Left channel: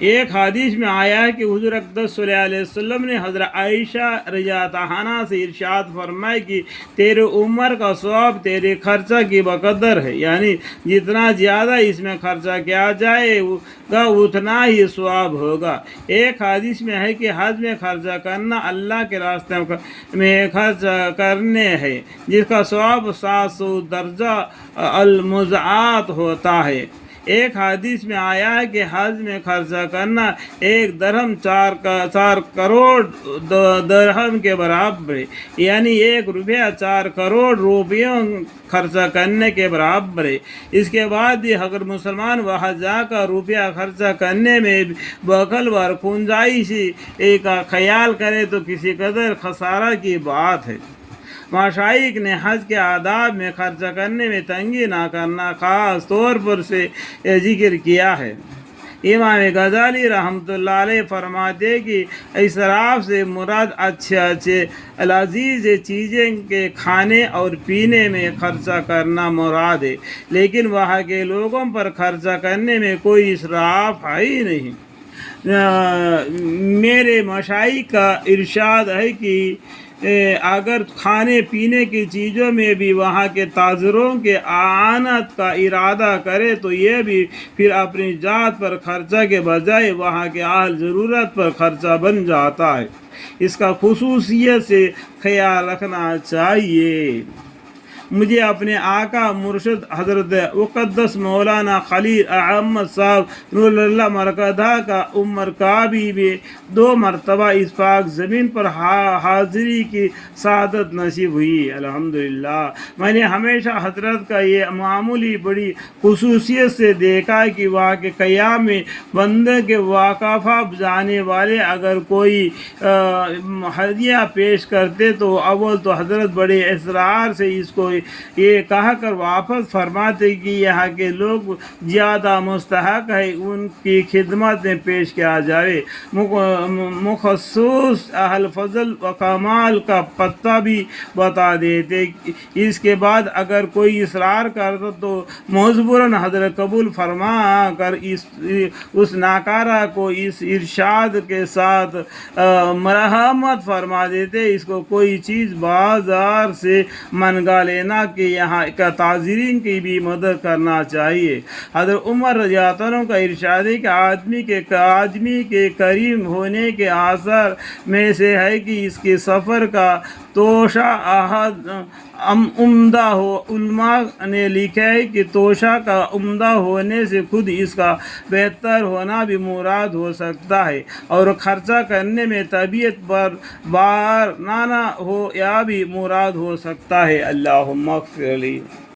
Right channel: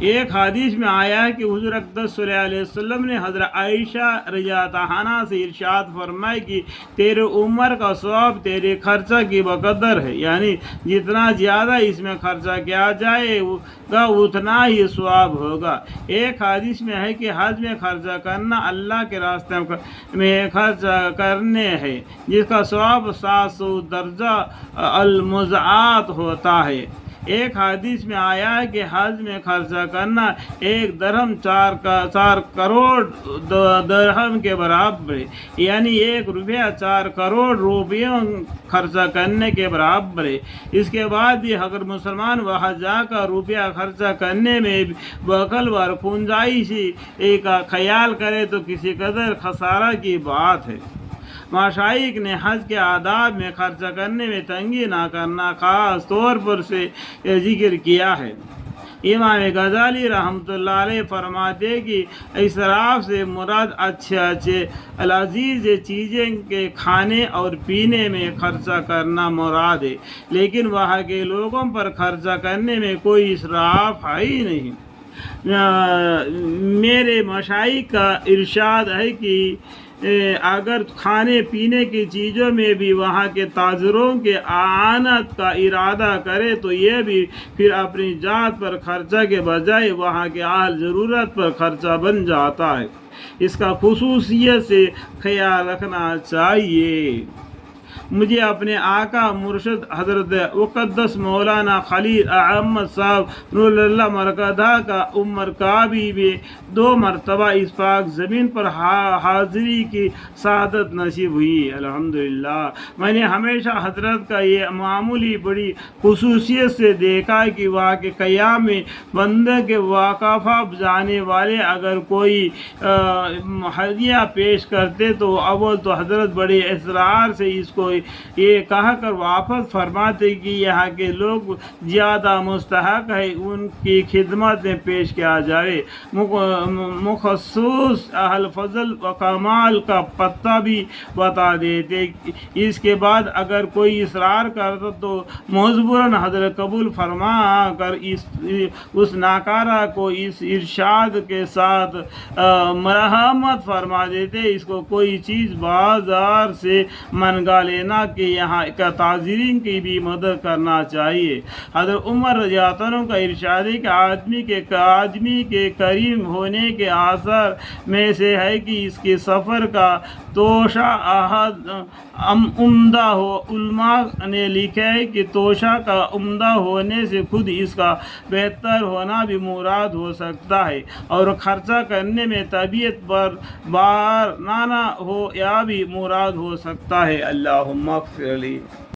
ایک حدیث میں آیا ہے کہ حضور اقدس صلی اللہ علیہ وسلم نے حضرت عائشہ رضی اللہ عنہا سے ارشاد فرمایا کہ تیرے عمر کا ثواب تیرے خرچہ کی بقدر ہے، یعنی جتنا زیادہ اس میں خرچہ کیا جائے گا اتنا ہی ثواب ہوگا۔ ایک حدیث میں ہے کہ حج میں خرچہ کرنا اللہ کے راستے میں خرچ کرنے ہے، جس کا ثواب 700 درجہ المضاعف ہوتا ہے۔ ایک حدیث میں آیا ہے کہ حج میں خرچہ کرنا 1 درہم 4 کروڑ درہم کے برابر ہے، یعنی 1 روپیہ 4 کروڑ روپیوں خرچہ کرنے کے برابر ہے۔ اس کے بعد بھی اگر مسلمان وہاں جا کر روپیہ خرچہ کرنے میں بخل و کنجوسی کا خیال کرے تو کسی قدر خسارہ کی بات ہے۔ مشائخ نے حج کے آداب میں خرچہ کرنے میں تنگی نہ کرنا خاص طور پر سے ذکر کیا ہے۔ امام غزالی رحمۃ اللہ علیہ فرماتے ہیں کہ اسراف سے مراد اچھے لذیذ چیزیں کے کھانے اور پینے میں خرچہ کرنا مراد ہے، لیکن وہاں کے لوگوں پر خرچہ کرنے میں کوئی اسراف ہے ہی نہیں۔ میرے مشائخ کا ارشاد ہے کہ اگر کھانے پینے کی چیزوں میں بھی وہاں کے تاجروں کے اعانت کا ارادہ کرے تو یہ بھی پھر اپنی ذات پر خرچہ کے بجائے وہاں کے اہل ضرورت پر خرچہ بن جاتا ہے۔ اس کا خصوصیت سے خیال رکھنا چاہیے۔ مجھے اپنے آقا مرشد حضرت مقدس مولانا خلیل احمد صاحب نور اللہ مرکزہ کا عمر کعبی میں 2 مرتبہ اس پاک زمین پر حاضری کی سعادت نصیب ہوئی، الحمدللہ۔ میں نے ہمیشہ حضرت کا یہ معمولی بڑی خصوصیت سے دیکھا کہ وہاں کے قیام میں بندے کے وقفہ جانے والے اگر کوئی ہدیہ پیش کرتے تو اول تو حضرت بڑے اصرار سے اس کو یہ کہا کر واپس فرماتے کہ یہاں کے لوگ زیادہ مستحق ہے، ان کی خدمت میں پیش کیا جائے۔ مخصوص اہل فضل و کمال کا پتہ بھی بتا دیتے۔ اس کے بعد اگر کوئی اصرار کرتا تو مجبوراً حضرت قبول فرما کر اس ناکارہ کو اس ارشاد کے ساتھ مرحمت فرما دیتے، اس کو کوئی چیز بازار سے منگا لینا کہ یہاں کا تاجرین کی بھی مدد کرنا چاہیے۔ حضرت عمر رضی اللہ عنہ کا ارشاد ہے کہ آدمی کے کریم ہونے کے آثار میں سے ہے کہ اس کے سفر کا توشہ عمدہ ہو۔ علماء نے لکھا ہے کہ توشہ کا عمدہ ہونے سے خود اس کا بہتر ہونا بھی مراد ہو سکتا ہے، اور خرچہ کرنے میں طبیعت پر بار نہ ہو یا بھی مراد ہو سکتا ہے۔ اللہم اغفر لی۔